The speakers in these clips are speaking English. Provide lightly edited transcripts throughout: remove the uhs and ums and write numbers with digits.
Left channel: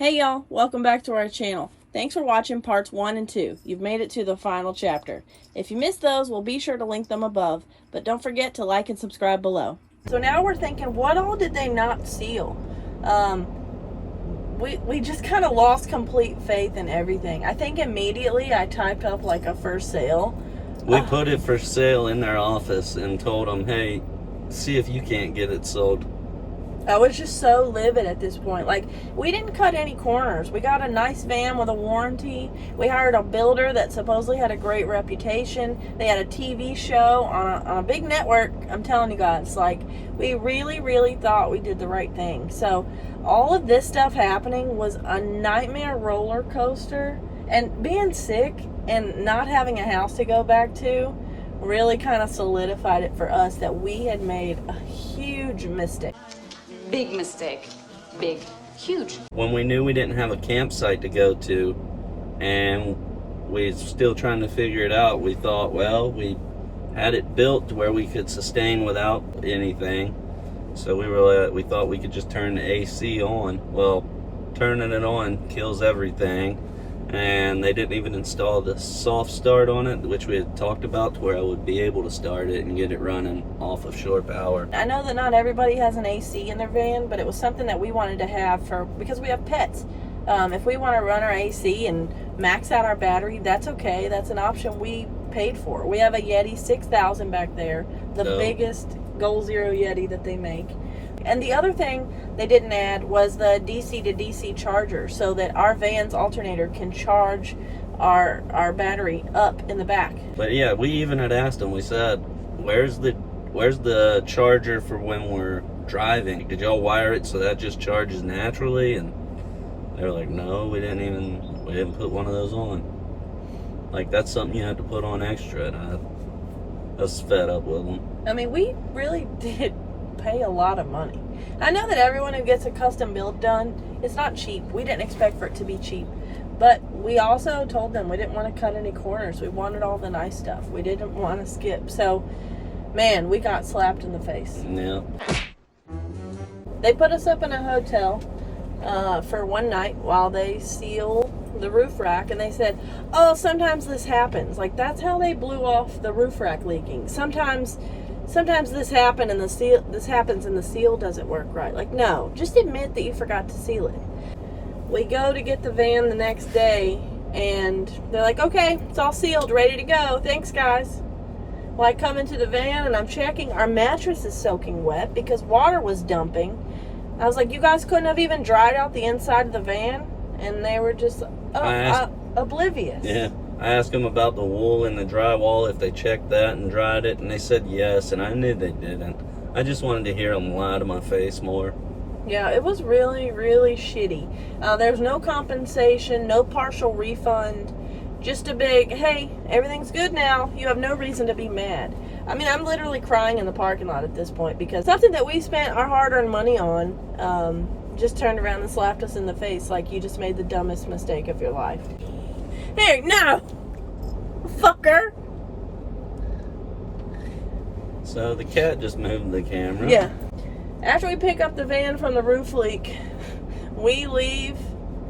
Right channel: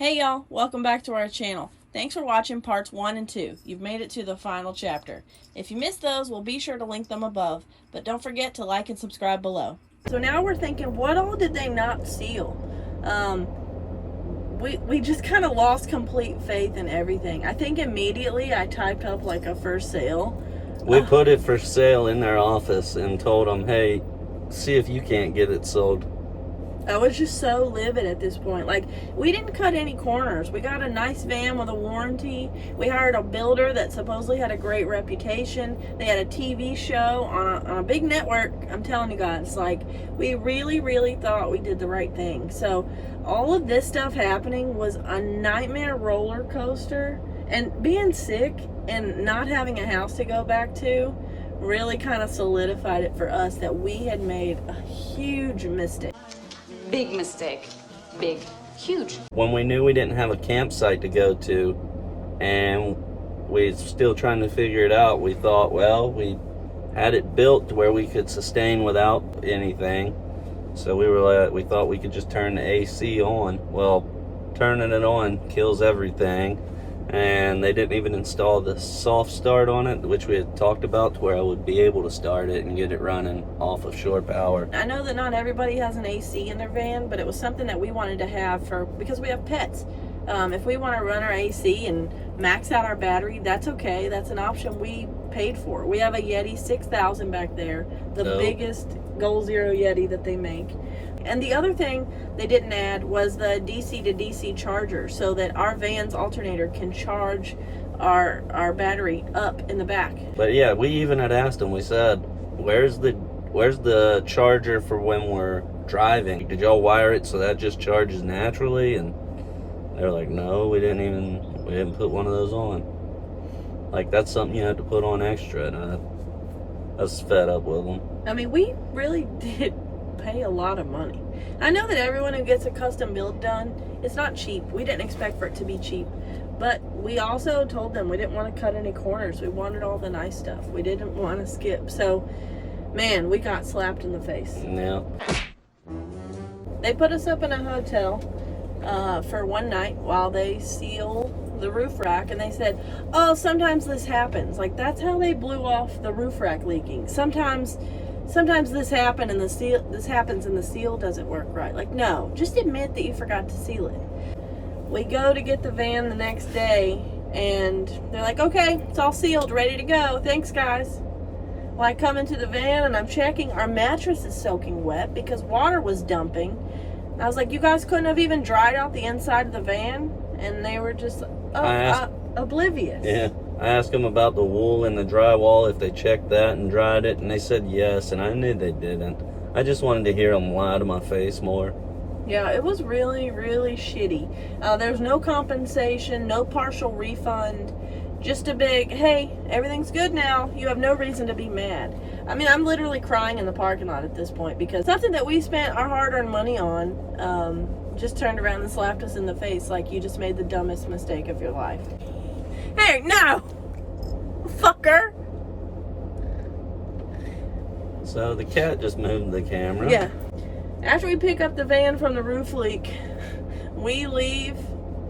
Hey y'all, welcome back to our channel. Thanks for watching parts 1 and 2. You've made it to the final chapter. If you missed those, we'll be sure to link them above, but don't forget to like and subscribe below. So now we're thinking, what all did they not seal? We just kind of lost complete faith in everything. I think immediately I typed up like a for sale. We put it for sale in their office and told them, hey, see if you can't get it sold. I was just so livid at this point. Like, we didn't cut any corners. We got a nice van with a warranty. We hired a builder that supposedly had a great reputation. They had a TV show on a big network. I'm telling you guys, like, we really thought we did the right thing. So all of this stuff happening was a nightmare roller coaster. And being sick and not having a house to go back to really kind of solidified it for us that we had made a huge mistake. Big mistake. Big. Huge. When we knew we didn't have a campsite to go to and we still trying to figure it out, we thought, well, we had it built to where we could sustain without anything. So we thought we could just turn the AC on. Well, turning it on kills everything. And they didn't even install the soft start on it, which we had talked about, to where I would be able to start it and get it running off of shore power. I know that not everybody has an AC in their van, but it was something that we wanted to have because we have pets. If we want to run our AC and max out our battery, that's okay. That's an option we paid for. We have a Yeti 6000 back there, the biggest Goal Zero Yeti that they make. And the other thing they didn't add was the DC to DC charger, so that our van's alternator can charge our battery up in the back. But yeah, we even had asked them, we said, where's the charger for when we're driving? Did y'all wire it so that just charges naturally? And they're like, no, we didn't put one of those on. Like, that's something you had to put on extra, and I was fed up with them. I mean, we really did pay a lot of money. I know that everyone who gets a custom build done, it's not cheap. We didn't expect for it to be cheap, but we also told them we didn't want to cut any corners. We wanted all the nice stuff. We didn't want to skip. So, man, we got slapped in the face. Yeah. They put us up in a hotel for one night while they seal the roof rack, and they said, oh, sometimes this happens. Like, that's how they blew off the roof rack leaking. Sometimes this happens and the seal doesn't work right. Like, no, just admit that you forgot to seal it. We go to get the van the next day, and they're like, okay, it's all sealed, ready to go. Thanks, guys. Well, I come into the van, and I'm checking. Our mattress is soaking wet because water was dumping. I was like, you guys couldn't have even dried out the inside of the van? And they were just oblivious. Yeah. I asked them about the wool in the drywall, if they checked that and dried it, and they said yes, and I knew they didn't. I just wanted to hear them lie to my face more. Yeah, it was really shitty. There's no compensation, no partial refund, just a big, hey, everything's good now. You have no reason to be mad. I mean, I'm literally crying in the parking lot at this point because something that we spent our hard-earned money on just turned around and slapped us in the face like you just made the dumbest mistake of your life. Hey, no! Fucker! So the cat just moved the camera. Yeah. After we pick up the van from the roof leak, we leave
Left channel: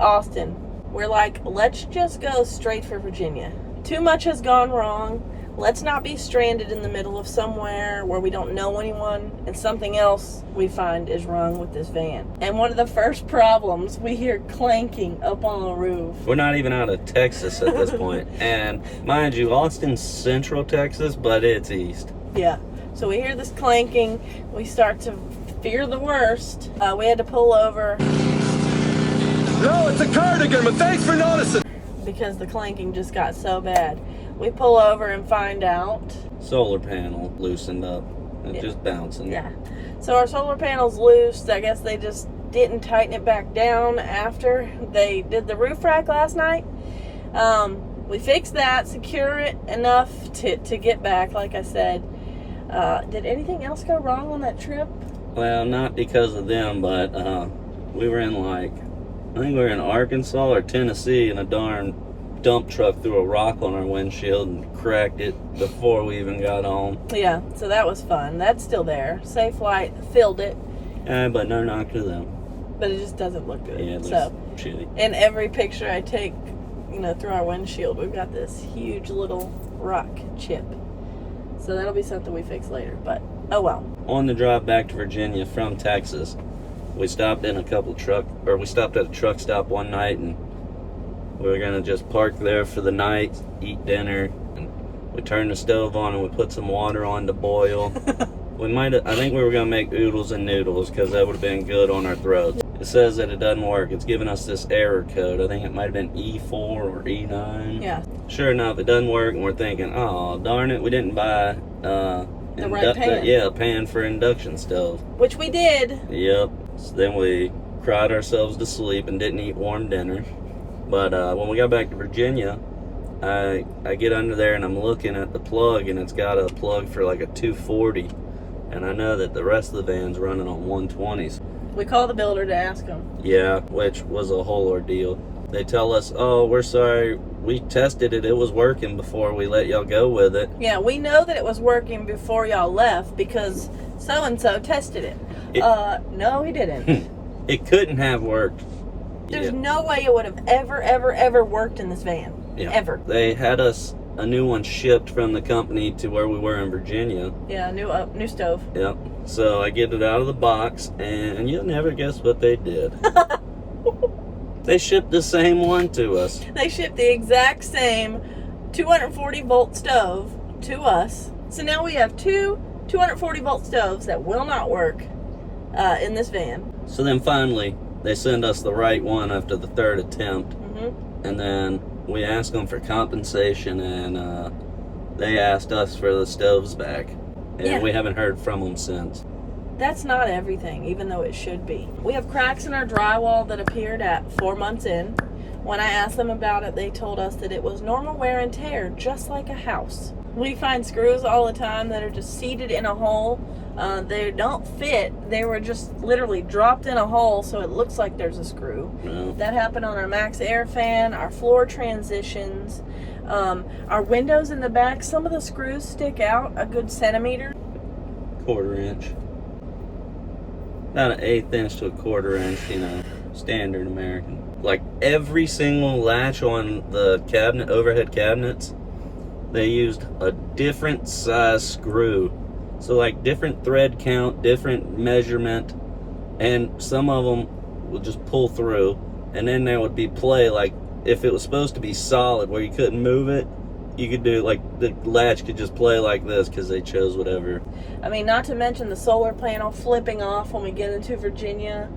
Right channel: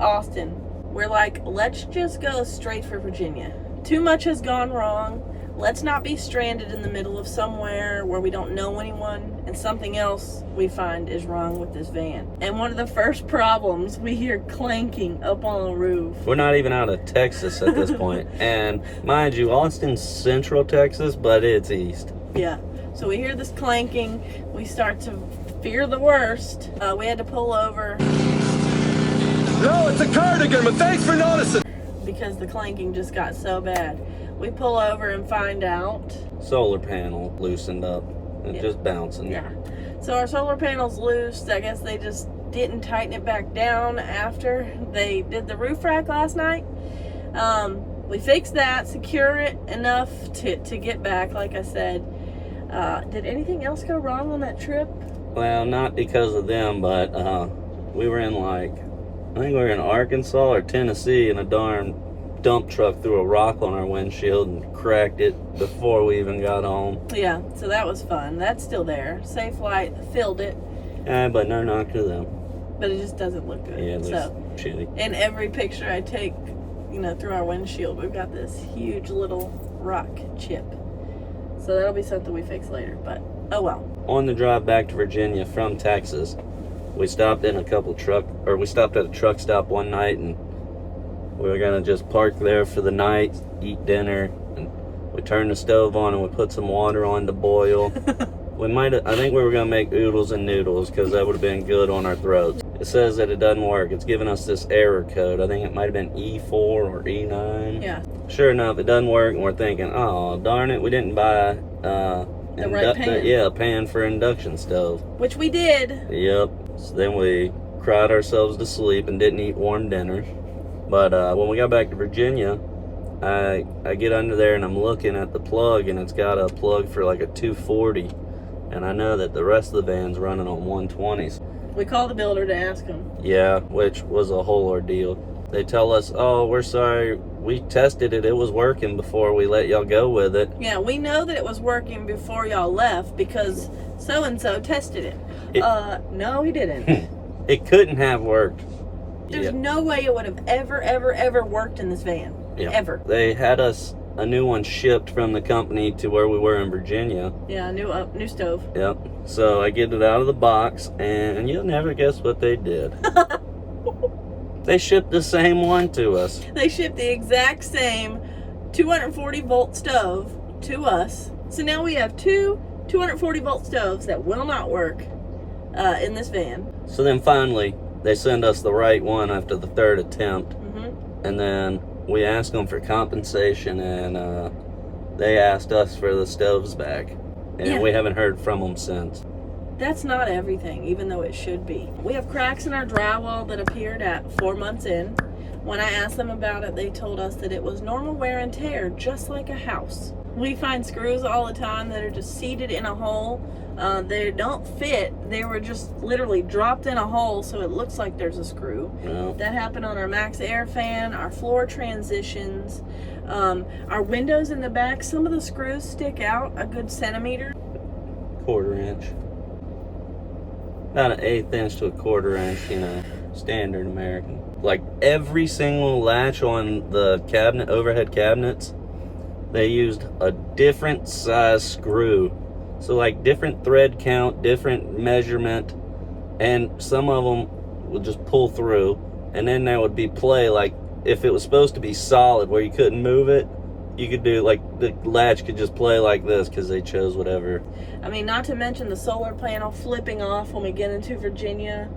Austin. We're like, let's just go straight for Virginia. Too much has gone wrong. Let's not be stranded in the middle of somewhere where we don't know anyone and something else we find is wrong with this van. And one of the first problems, we hear clanking up on the roof. We're not even out of Texas at this point. And mind you, Austin's central Texas, but it's east. Yeah. So we hear this clanking. We start to fear the worst. We had to pull over. No, it's a cardigan, but thanks for noticing. Because the clanking just got so bad. We pull over and find out Solar panel loosened up and just bouncing. Yeah. So our solar panel's loose. I guess they just didn't tighten it back down after they did the roof rack last night. We fixed that, secure it enough to get back, like I said. Did anything else go wrong on that trip? Well, not because of them, but we were in I think we were in Arkansas or Tennessee, and a darn dump truck threw a rock on our windshield and cracked it before we even got home. Yeah, so that was fun. That's still there. Safe Flight filled it. But no knock to them. but it just doesn't look good. Yeah, it looks so, shitty. in every picture I take, through our windshield, we've got this huge little rock chip. So that'll be something we fix later, but oh well. On the drive back to Virginia from Texas, we stopped at a truck stop one night, and we were gonna just park there for the night, eat dinner, and we turned the stove on and we put some water on to boil. I think we were gonna make oodles and noodles because that would have been good on our throats. It says that it doesn't work. It's giving us this error code. I think it might have been E4 or E9. Yeah. Sure enough, it doesn't work, and we're thinking, oh, darn it, we didn't buy the right pan. a pan for induction stove. Which we did. Yep. So then we cried ourselves to sleep and didn't eat warm dinner. But when we got back to Virginia, I get under there and I'm looking at the plug, and it's got a plug for like a 240. And I know that the rest of the van's running on 120s. We called the builder to ask him. Yeah, which was a whole ordeal. They tell us, oh, we're sorry, we tested it, it was working before we let y'all go with it. Yeah, we know that it was working before y'all left because so-and-so tested it. No, he didn't. It couldn't have worked. There's no way it would have ever worked in this van. Yeah. Ever. They had us a new one shipped from the company to where we were in Virginia. Yeah, new stove. Yep. So I get it out of the box, and you'll never guess what they did. They shipped the same one to us. They shipped the exact same 240 volt stove to us. So now we have two 240 volt stoves that will not work in this van. So then finally, they send us the right one after the third attempt. Mm-hmm. And then we asked them for compensation, and they asked us for the stoves back. And we haven't heard from them since. That's not everything, even though it should be. We have cracks in our drywall that appeared at 4 months in. When I asked them about it, they told us that it was normal wear and tear, just like a house. We find screws all the time that are just seated in a hole. They don't fit. They were just literally dropped in a hole, so it looks like there's a screw. No. That happened on our Max Air fan, our floor transitions, our windows in the back. Some of the screws stick out a good centimeter. 1/4 inch. About an 1/8 inch to a 1/4 inch, standard American. Like every single latch on the cabinet, overhead cabinets, they used a different size screw. So like different thread count, different measurement, and some of them would just pull through, and then there would be play. Like if it was supposed to be solid where you couldn't move it, you could do like the latch could just play like this because they chose whatever. I mean, not to mention the solar panel flipping off when we get into Virginia.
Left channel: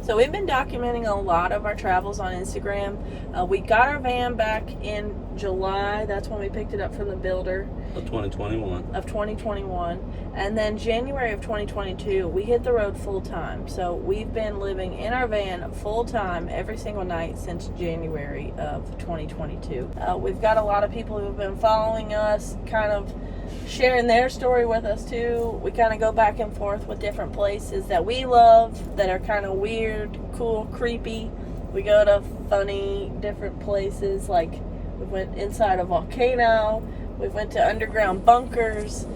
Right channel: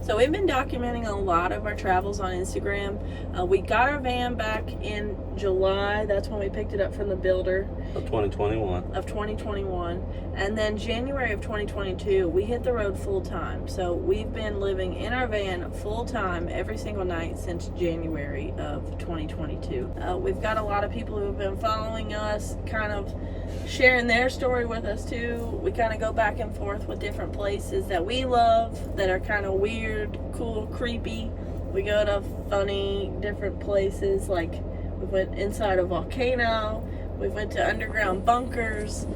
So we've been documenting a lot of our travels on Instagram. We got our van back in July. That's when we picked it up from the builder. Of 2021. And then January of 2022, we hit the road full time. So we've been living in our van full time every single night since January of 2022. We've got a lot of people who have been following us, kind of sharing their story with us too. We kind of go back and forth with different places that we love that are kind of weird, cool, creepy. We go to funny, different places, like we went inside a volcano, we went to underground bunkers,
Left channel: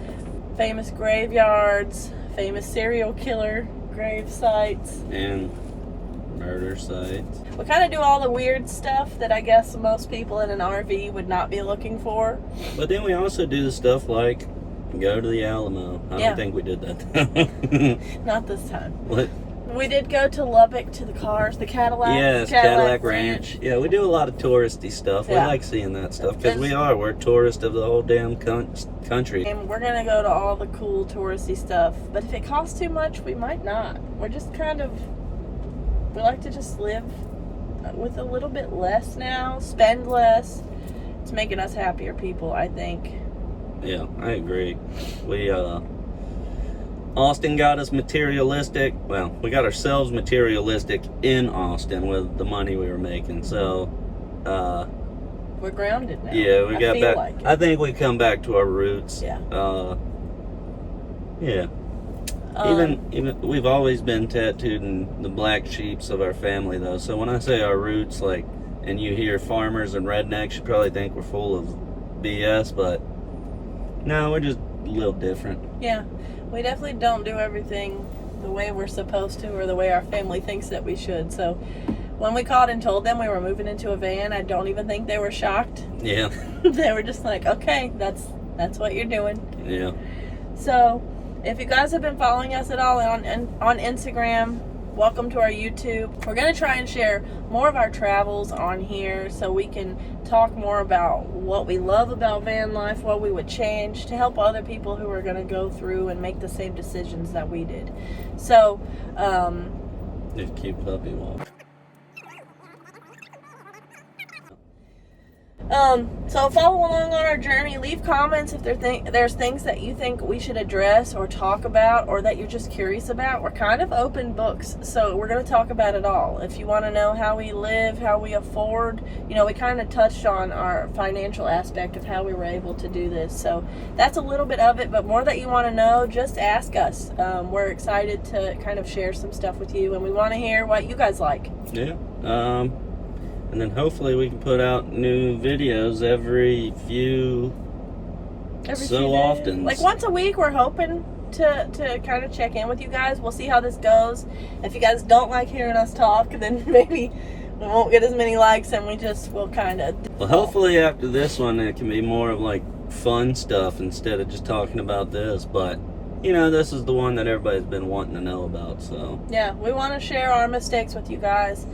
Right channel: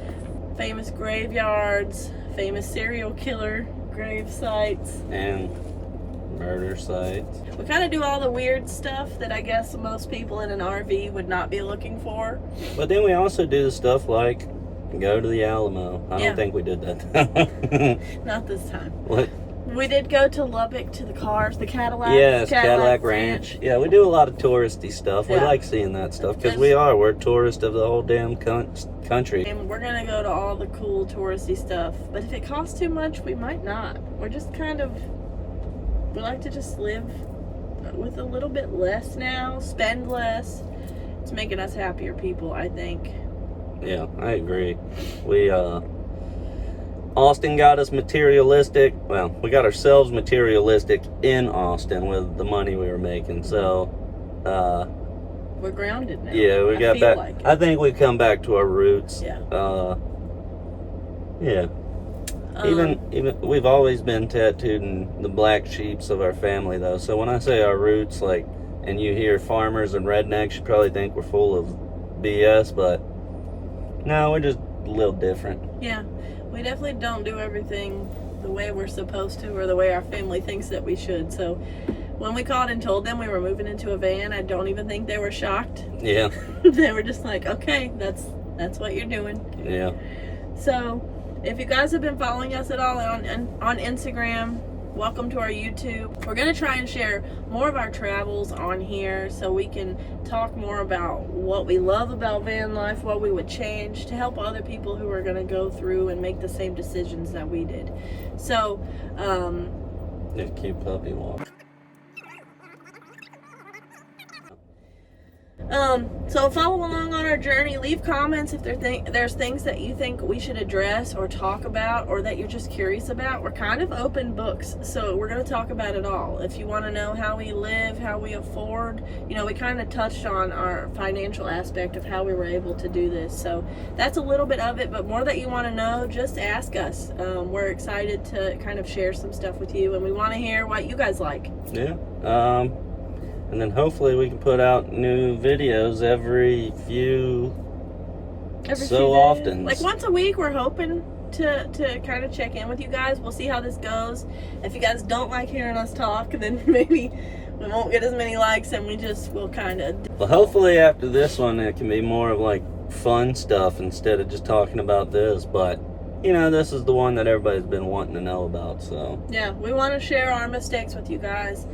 famous graveyards, famous serial killer grave sites, and murder sites. We kind of do all the weird stuff that I guess most people in an RV would not be looking for. But then we also do stuff like go to the Alamo. I don't think we did that. Not this time. What? We did go to Lubbock to the cars, the Cadillac. Yes, Cadillac Ranch. Yeah, we do a lot of touristy stuff. We like seeing that stuff because we're tourists of the whole damn country. And we're going to go to all the cool touristy stuff. But if it costs too much, we might not. We're just kind of, we like to just live with a little bit less now, spend less. It's making us happier people, I think. Yeah, I agree. Austin got us materialistic. Well, we got ourselves materialistic in Austin with the money we were making. So, we're grounded now. Yeah, we got back. Like I think we come back to our roots. Yeah. Yeah. Even we've always been tattooed in the black sheeps of our family, though. So when I say our roots, like, and you hear farmers and rednecks, you probably think we're full of BS, but no, we're just a little different. Yeah. We definitely don't do everything the way we're supposed to or the way our family thinks that we should. So when we called and told them we were moving into a van, I don't even think they were shocked. Yeah. They were just like, okay, that's what you're doing. Yeah. So if you guys have been following us at all on Instagram, welcome to our YouTube. We're going to try and share more of our travels on here so we can talk more about what we love about van life, what we would change to help other people who are going to go through and make the same decisions that we did. So, Cute puppy walk. So follow along on our journey. Leave comments if there's things that you think we should address or talk about, or that you're just curious about. We're kind of open books, so we're going to talk about it all. If you want to know how we live, how we afford, we kind of touched on our financial aspect of how we were able to do this. So that's a little bit of it, but more that you want to know, just ask us. We're excited to kind of share some stuff with you, and we want to hear what you guys like. Yeah. And then hopefully we can put out new videos every few often. Like once a week, we're hoping to kind of check in with you guys. We'll see how this goes. If you guys don't like hearing us talk, then maybe we won't get as many likes, and we'll kind of... Well, hopefully after this one, it can be more of like fun stuff instead of just talking about this. But, this is the one that everybody's been wanting to know about, so... Yeah, we want to share our mistakes with you guys.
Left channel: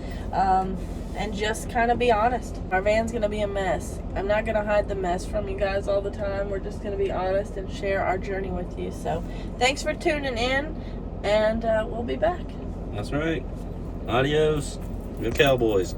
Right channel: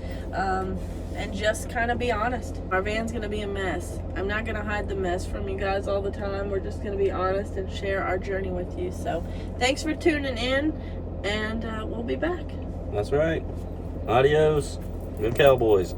And just kind of be honest. Our van's going to be a mess. I'm not going to hide the mess from you guys all the time. We're just going to be honest and share our journey with you. So thanks for tuning in, and we'll be back. That's right. Adios. Good Cowboys.